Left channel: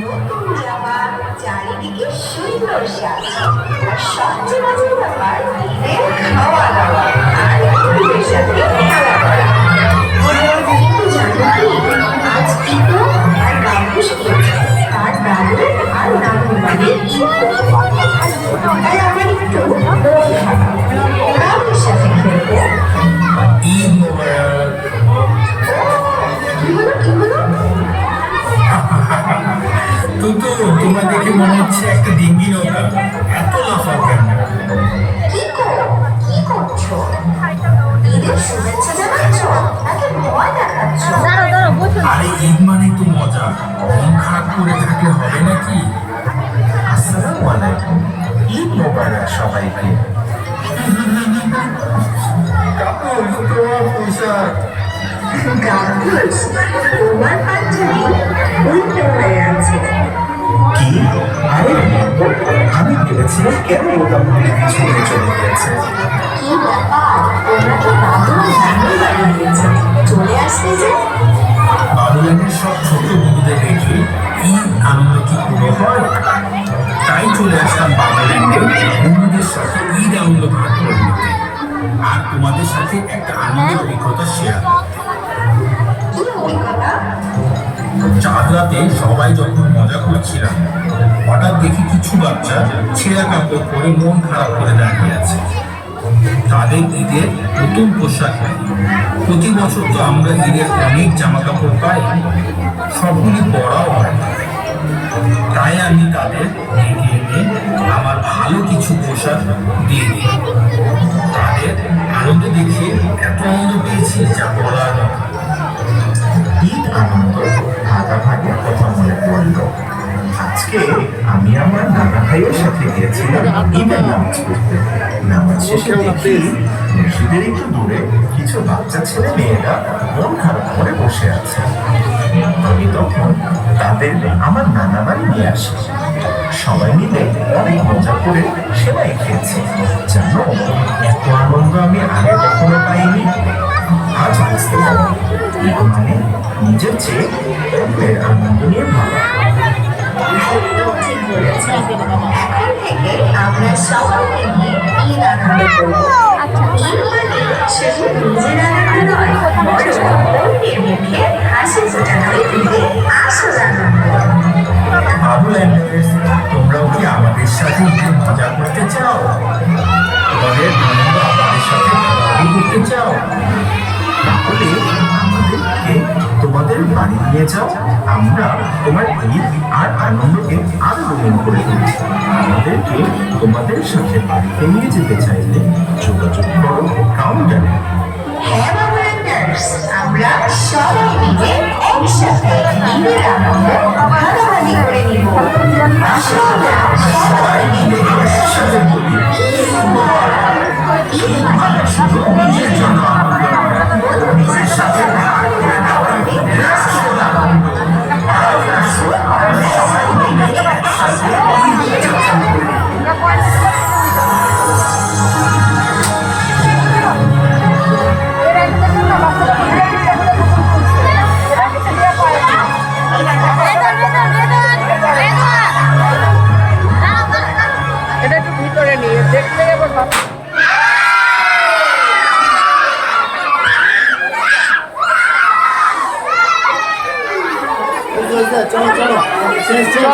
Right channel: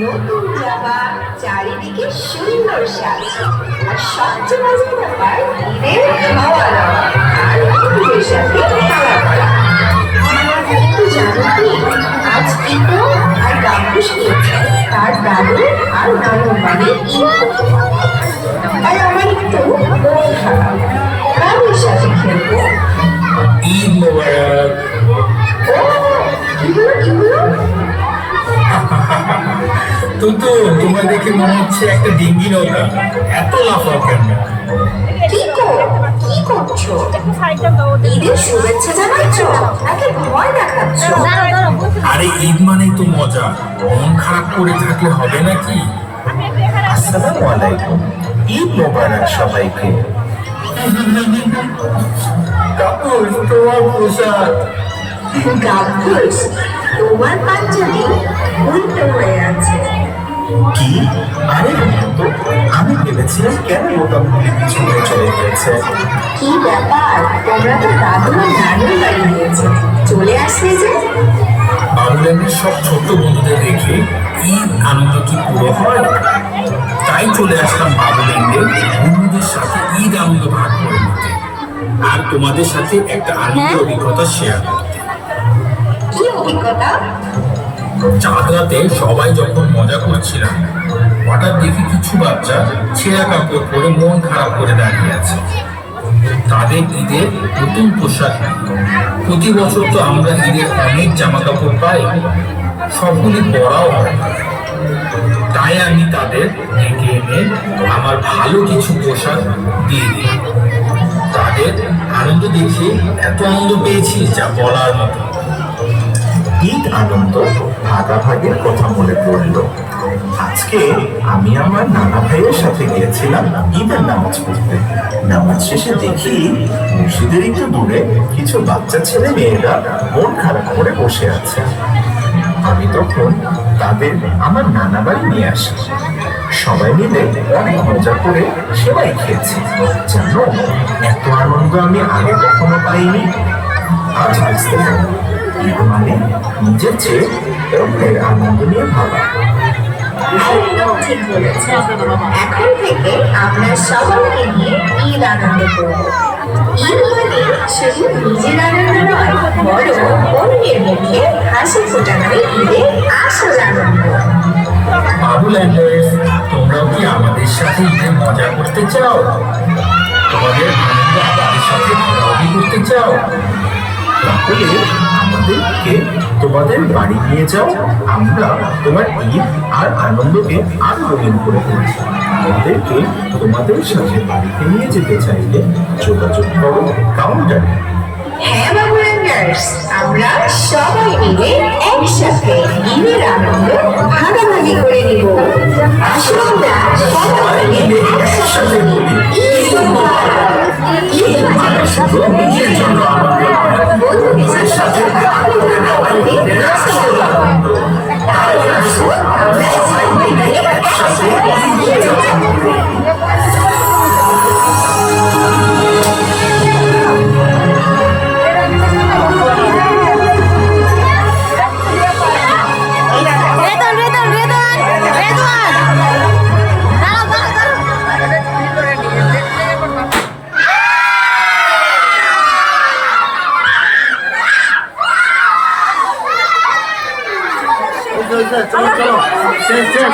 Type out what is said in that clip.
নতুন জামা, চারিদিকে সুন্দর সাজ, আর সবচেয়ে মজার ব্যাপার ঈদের খাওয়া দাওয়া আর ঈদের সাথে খেলা করা। কিন্তু জানো কি, আজ ইকো আর গাম্বু শিখেছে তার দাদু আর নানুর বাড়ি তাই আমার একটু মন খারাপ। তাদের সাথে খেলবো। ঈদ মোবারক। কি হলো কি হলো? তো তোমার দেখে মনে হচ্ছে একটা ডিঙ্গি নৌকা, এত লাফাও কেন? কি করছো? ঈদের শুভেচ্ছা জানাচ্ছো নাকি ভয় দেখাচ্ছো? আরে ঈদ মানেই তো মজা, মন খারাপ করে থাকলে হবে নাকি? আসসালামু আলাইকুম, ঈদ মোবারক সবাইকে। কাপুর, তোমার পোশাক। গাম্বুস, তোমার পাঞ্জাবি উল্টো হয়ে আছে। কি? আরে আমি ভেবেছিলাম কেন বোতাম খুলে পিছনে চলে গিয়েছে। কি ব্যাপার, তোমরা তো দাদু আর নানুর বাড়ি গিয়েছো, চলে আসলে যে? বাবুল্যান্ডের সব ছোট বন্ধুদের রেখে ঈদ আনন্দ কি পুরো হয়? তাই চলে আসলাম বাবুল্যান্ডে বন্ধুদের সাথে ঈদ আনন্দ ভাগ করে নিতে, আর তোমাদের সাথে একটা আনন্দের অভিজ্ঞতা শেয়ার করতে। কি অভিজ্ঞতা? চাঁদ রাতে সবাই যখন মজা করছিলাম, হঠাৎ দেখি কিছু বাচ্চা ছেঁড়া কাপড় পরে মন খারাপ করে দাঁড়িয়ে আছে। তাদের ঈদের নতুন পোশাক নেই। প্রতি বছর তো আমরা ঈদের অনেক জামা কাপড় পাই, সবগুলি পরাও হয় না। তাই আমি তাদের ডেকে এনে আমার ভালো কিছু পোশাক দিয়ে দিই। তাদের আনন্দ দেখে এত আনন্দ পেয়েছি যা বলার মতো। ঈদ আনন্দ ভাগাভাগির কথা মনে পড়ল। আজকে আমি আমার নানা ভাইয়ের সাথে গিয়েছিলাম ঈদের নামাজ পড়তে। নামাজ শেষে দেখি মসজিদের একটু দূরে কিছু বাচ্চা ছেলে মেয়েরা মন খারাপ করে বসে আছে। আমি তখন তাদের আমার নানা বাড়ি নিয়ে আসি। সবাই মিলে অনেক মজা করে সেমাই খেয়েছি। জানো, এত আনন্দ আমি আগে কখনো পাইনি। আজ বুঝতে পারি ঈদ মানে নিজের চেয়ে অন্যের আনন্দ নিয়ে ভাবা। একদম ঠিক বলেছেন। এখন থেকে আমরা সবাইকে নিয়ে ঈদ আনন্দ করবো। ঈদ মানে শুধু নিজের আনন্দ নয়, বরং অন্যের মুখে হাসি ফোটানোই ঈদের আসল আনন্দ। বাবুল্যান্ডার্স, তোমরাও কি আমাদের সাথে ঈদের মজা করতে চাও? তোমাদের আনন্দ আমাদের সাথে ভাগাভাগি করতে চাও? তাহলে আমাদেরকে তোমাদের বাড়ি নিয়ে যাও। আমরা তোমার ঈদ আর আনন্দকে আরো রঙিন করে তুলছি। আমাদেরকে তোমাদের সাথে বাড়িতে নিয়ে যেতে চাইলে যোগাযোগ করো কাউন্টারে। হ্যাঁ বাবুরাঙ্গার্স, আমরা সবাই মিলে একসাথে ঈদের আনন্দ ভাগাভাগি করে নিব। আসুন না, সবাই মিলে একসাথে বলি ঈদ মুবারক। ঈদ মানে শুধু নিজের জন্য আনন্দ নয়, অন্যের সাথে দেখা করে নেওয়া ঈদের আসল আনন্দ। আর আসুন আমরা সবাই মিলে একসাথে ঈদ উদযাপন করি। চলো চলো শেষ শেষ